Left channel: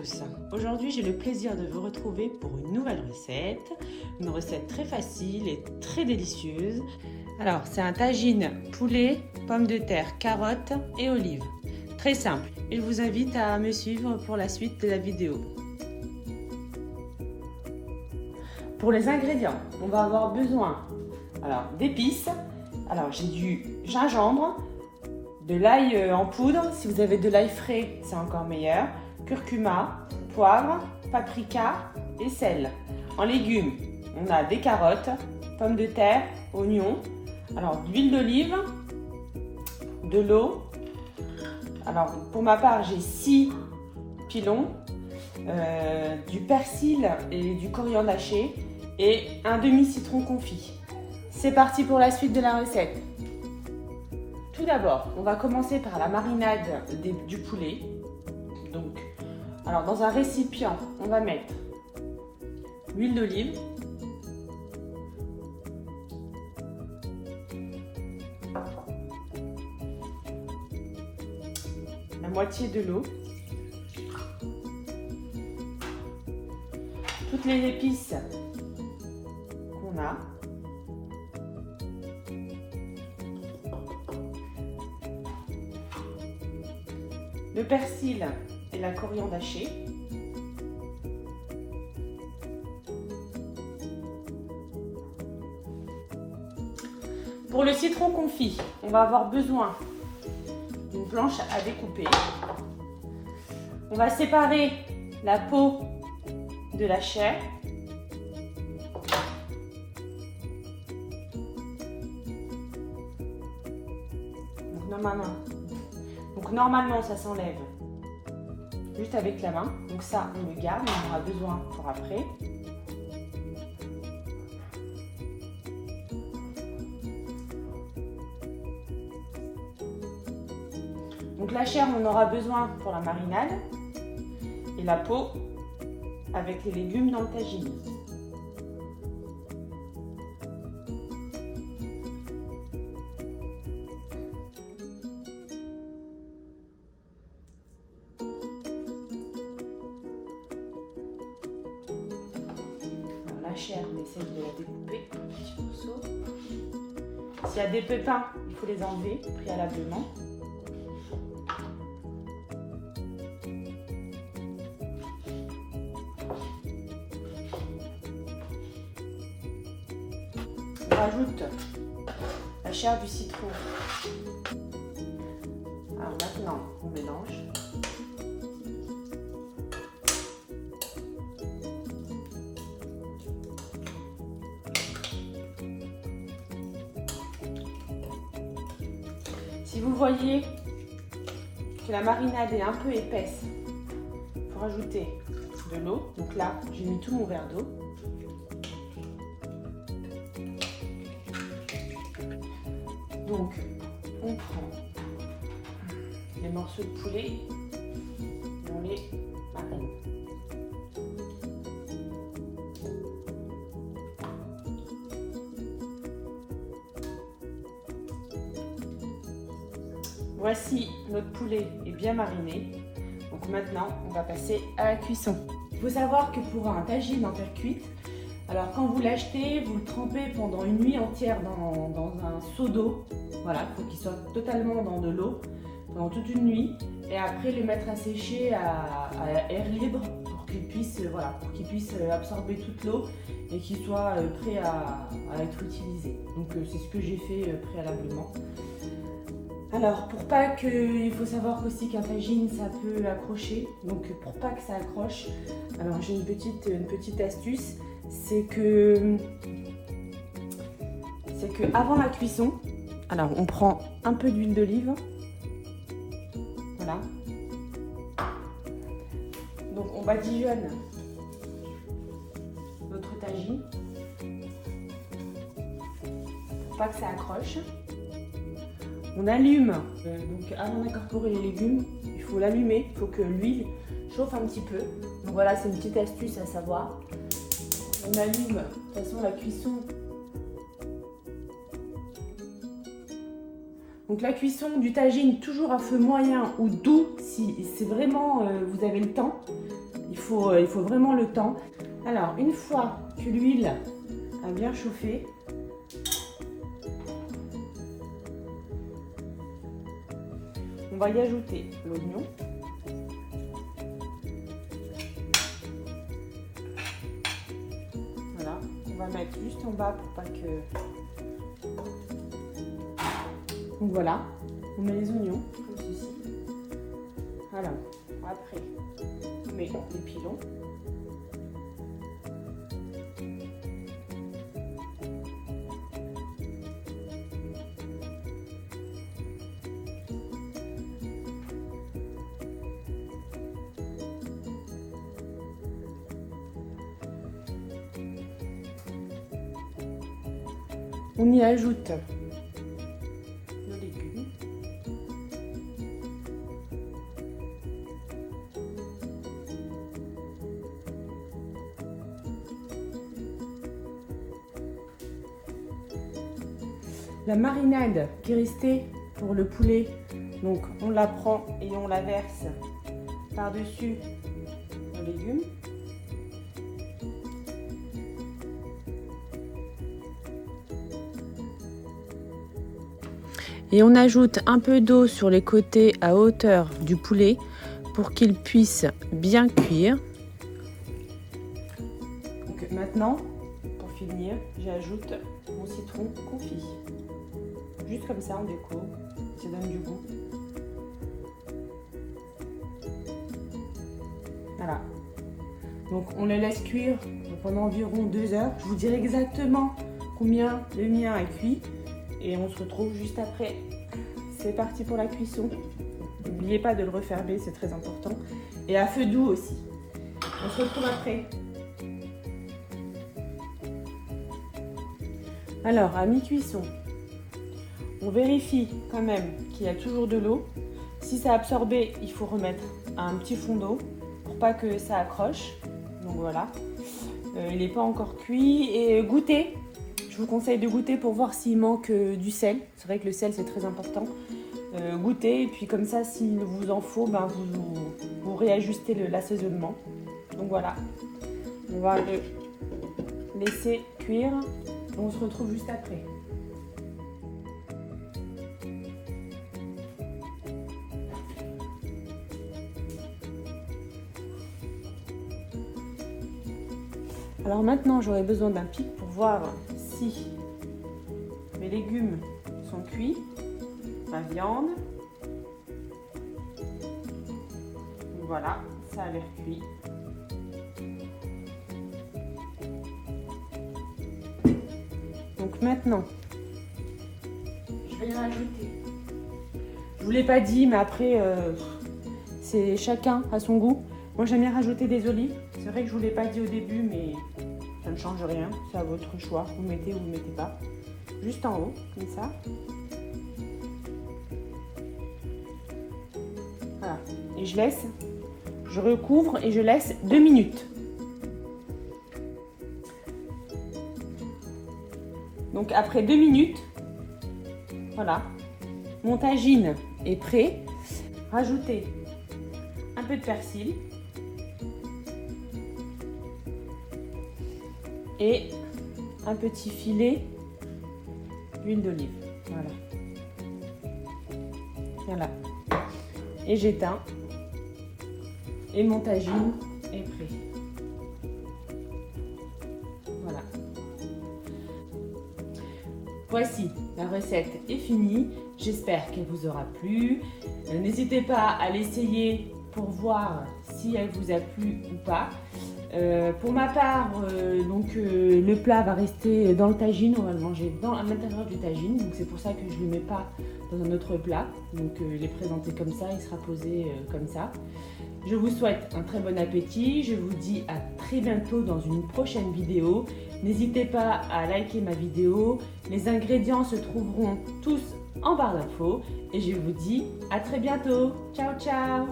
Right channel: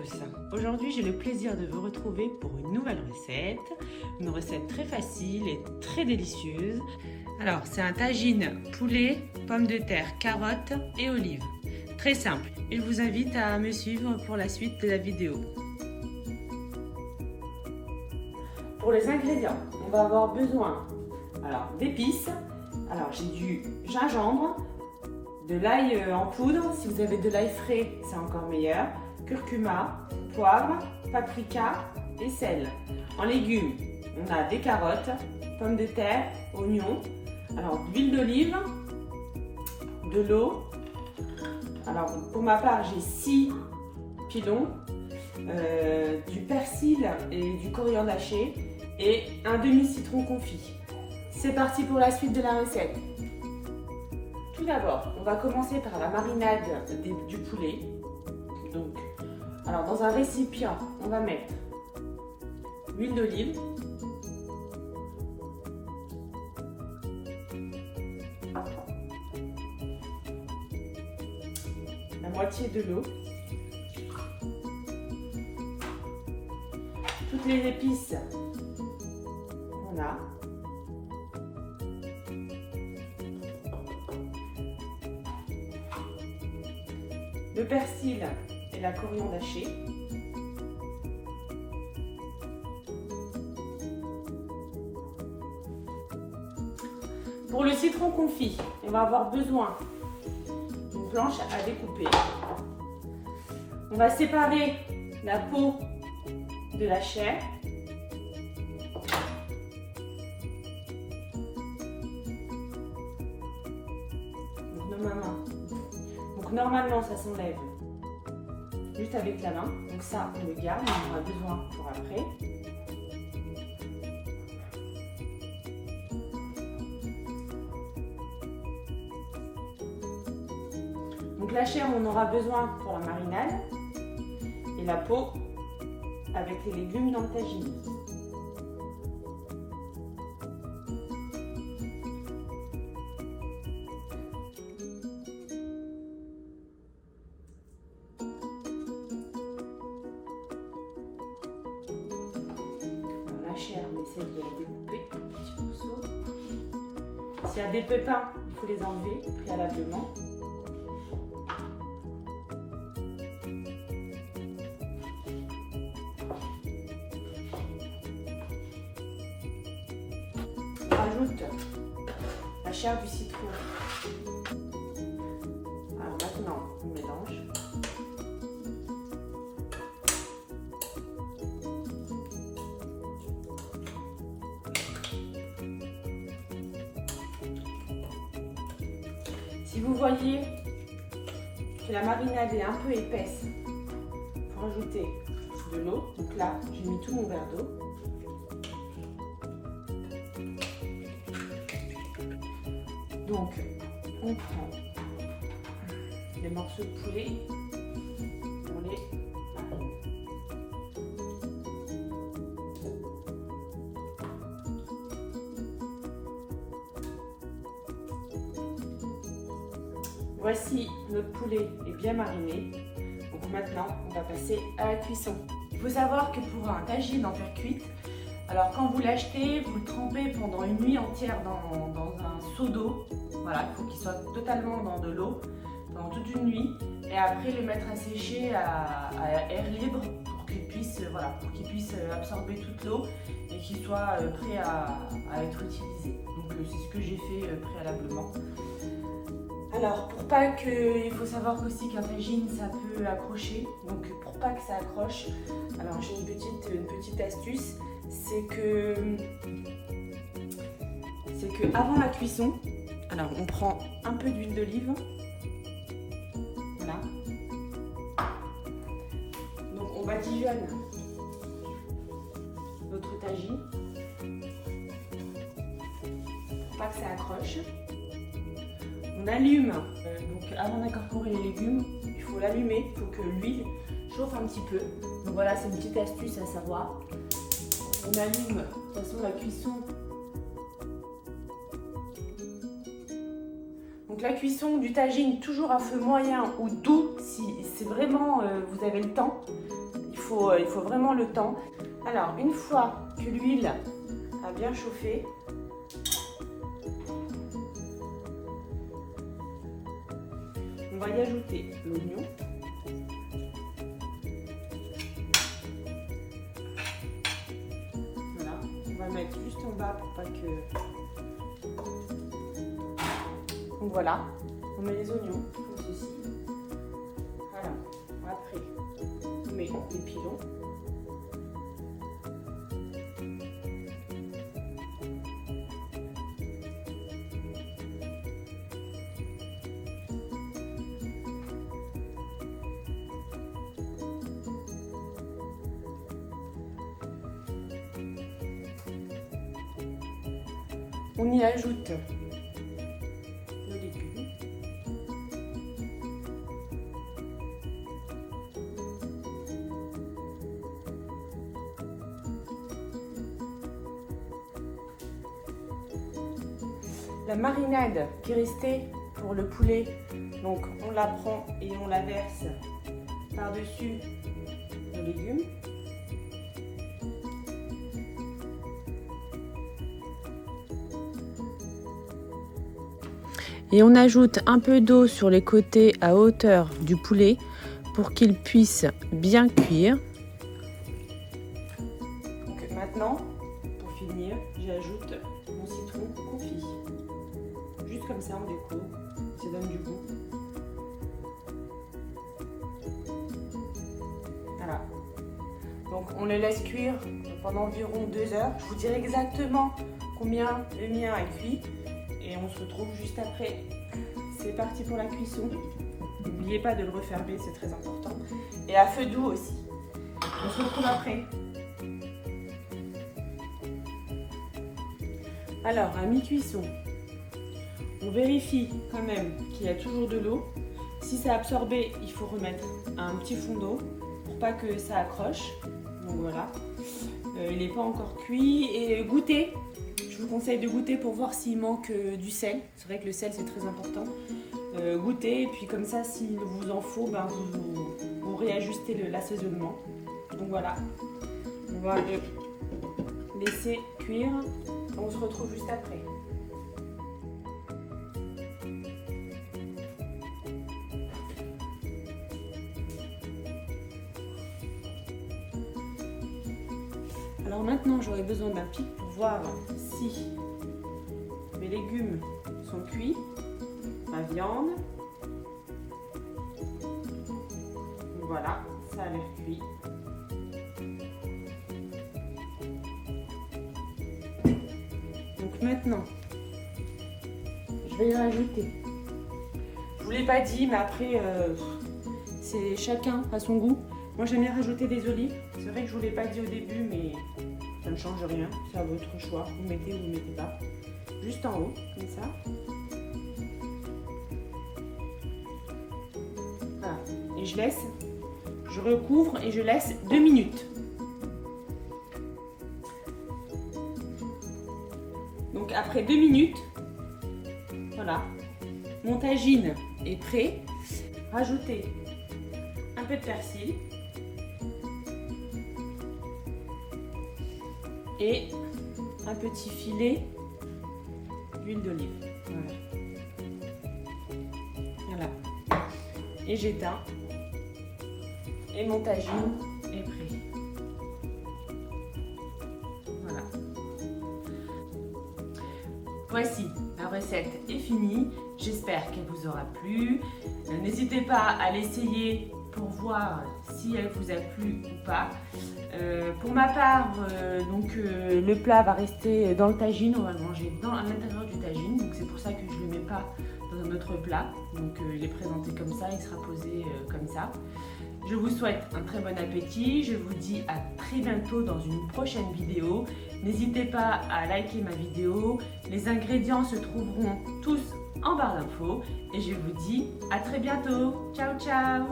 tous, aujourd'hui j'ai le plaisir de vous retrouver pour une nouvelle recette très facile et très délicieuse. Alors c'est un tagine poulet, pommes de terre, carottes et olives. Très simple, je vous invite à me suivre pour la suite de la vidéo. Pour les ingrédients, on va avoir besoin d'épices. Alors j'ai du gingembre, de l'ail en poudre, si vous avez de l'ail frais c'est encore meilleur, curcuma, poivre, paprika et sel. En légumes, on a des carottes, pommes de terre, oignons, alors de l'huile d'olive, de l'eau. Alors pour ma part j'ai 6 pilons, du persil et du coriandre haché et un demi-citron confit. C'est parti pour la suite de la recette. Tout d'abord, on va commencer par la marinade du poulet. Donc, alors dans un récipient, on va mettre l'huile d'olive, la moitié de l'eau, toutes les épices qu'on a, le persil et la coriandre hachée, pour le citron confit, on va avoir besoin d'une planche à découper. On va séparer la peau de la chair. Donc normalement ça s'enlève juste avec la main, donc ça on le garde, on en aura besoin pour après. Donc la chair on aura besoin pour la marinade et la peau avec les légumes dans le tagine. La chair, on essaie de la découper en petits morceaux. S'il y a des pépins, il faut les enlever préalablement. On rajoute la chair du citron. Alors maintenant, on mélange. Si vous voyez que la marinade est un peu épaisse, il faut rajouter de l'eau. Donc là, j'ai mis tout mon verre d'eau. Donc, on prend les morceaux de poulet, on les marine. Voici notre poulet est bien mariné. Donc maintenant, on va passer à la cuisson. Il faut savoir que pour un tagine en terre cuite, alors quand vous l'achetez, vous le trempez pendant une nuit entière dans un seau d'eau. Voilà, il faut qu'il soit totalement dans de l'eau pendant toute une nuit. Et après le mettre à sécher à air libre pour qu'il puisse, absorber toute l'eau et qu'il soit prêt à être utilisé. Donc c'est ce que j'ai fait préalablement. Alors pour pas que, il faut savoir aussi qu'un tagine ça peut accrocher, donc pour pas que ça accroche, alors j'ai une petite astuce, c'est que avant la cuisson, alors on prend un peu d'huile d'olive, voilà, donc on badigeonne notre tagine pour pas que ça accroche. On allume, donc avant d'incorporer les légumes, il faut l'allumer, il faut que l'huile chauffe un petit peu. Donc voilà, c'est une petite astuce à savoir. On allume, de toute façon la cuisson. Donc la cuisson du tagine toujours à feu moyen ou doux si c'est vraiment vous avez le temps. Il faut vraiment le temps. Alors une fois que l'huile a bien chauffé, on va y ajouter l'oignon. Voilà, on va mettre juste en bas pour pas que... Donc voilà, on met les oignons comme ceci. Alors, après, on met les pilons. On y ajoute le légume. La marinade qui est restée pour le poulet, donc on la prend et on la verse par-dessus le légume. Et on ajoute un peu d'eau sur les côtés à hauteur du poulet pour qu'il puisse bien cuire. Donc maintenant, pour finir, j'ajoute mon citron confit. Juste comme ça en déco, ça donne du goût. Voilà. Donc on le laisse cuire pendant environ 2 heures. Je vous dirai exactement combien le mien a cuit. Et on se retrouve juste après. C'est parti pour la cuisson. N'oubliez pas de le refermer, c'est très important. Et à feu doux aussi. On se retrouve après. Alors, à mi-cuisson, on vérifie quand même qu'il y a toujours de l'eau. Si ça a absorbé, il faut remettre un petit fond d'eau pour pas que ça accroche. Donc voilà. Il n'est pas encore cuit. Et goûter. Je vous conseille de goûter pour voir s'il manque du sel. C'est vrai que le sel c'est très important. Goûtez et puis comme ça s'il vous en faut, ben, vous réajustez l'assaisonnement. Donc voilà, on va le laisser cuire. On se retrouve juste après. Alors maintenant j'aurai besoin d'un pic pour voir si mes légumes sont cuits, ma viande. Voilà, ça a l'air cuit. Donc maintenant, je vais y rajouter. Je vous l'ai pas dit, mais après, c'est chacun à son goût. Moi j'aime bien rajouter des olives. C'est vrai que je vous l'ai pas dit au début, mais ça ne change rien. C'est à votre choix. Vous mettez ou vous ne mettez pas. Juste en haut, comme ça. Voilà. Et je recouvre et je laisse 2 minutes. Donc après 2 minutes, voilà, mon tagine est prêt. Rajoutez un peu de persil. Et un petit filet d'huile d'olive. Voilà. Et j'éteins. Et mon tagine est prêt. Voilà. Voici, la recette est finie. J'espère qu'elle vous aura plu. N'hésitez pas à l'essayer pour voir si elle vous a plu ou pas. Pour ma part, le plat va rester dans le tagine, on va le manger à l'intérieur du tagine, donc c'est pour ça que je ne le mets pas dans un autre plat. Donc il est présenté comme ça, il sera posé comme ça. Je vous souhaite un très bon appétit, je vous dis à très bientôt dans une prochaine vidéo. N'hésitez pas à liker ma vidéo, les ingrédients se trouveront tous en barre d'infos et je vous dis à très bientôt. Ciao ciao.